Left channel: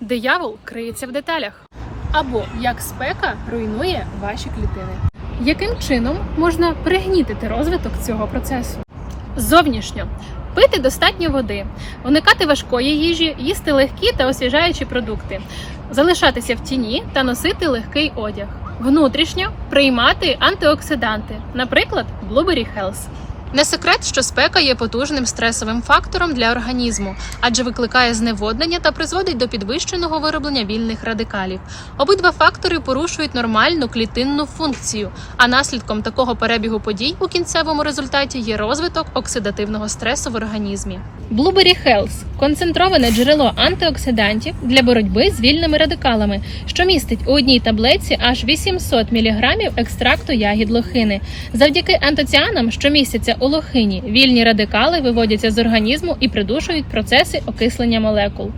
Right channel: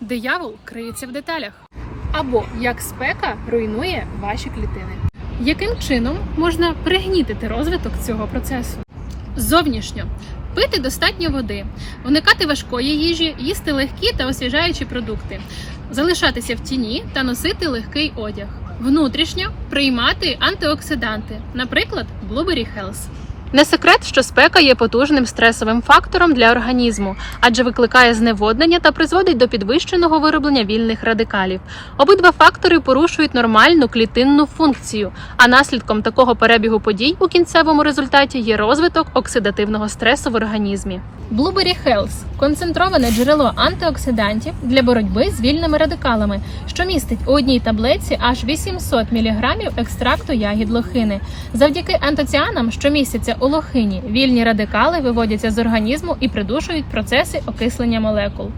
Диявол криється в деталях. Або як спека руйнує ваші клітини. Яким чином можна пригнітити розвиток цього процесу? Зовнішньо пити достатньо води, уникати важкої їжі, їсти легкі та освіжаючі продукти, залишатися в тіні та носити легкий одяг. Внутрішньо приймати антиоксиданти, наприклад, Blueberry Health. Не секрет, що спека є потужним стресовим фактором для організму, адже викликає зневоднення та призводить до підвищеного вироблення вільних радикалів. Обидва фактори порушують нормальну клітинну функцію, а наслідком такого перебігу подій у кінцевому результаті є розвиток оксидативного стресу в організмі. Blueberry Health – концентроване джерело антиоксидантів для боротьби з вільними радикалами, що містить у одній таблетці аж 800 мг екстракту ягід лохини. Завдяки антоціанам, що містяться у лохині, вільні радикали виводяться з організму і придушують процеси окислення молекул.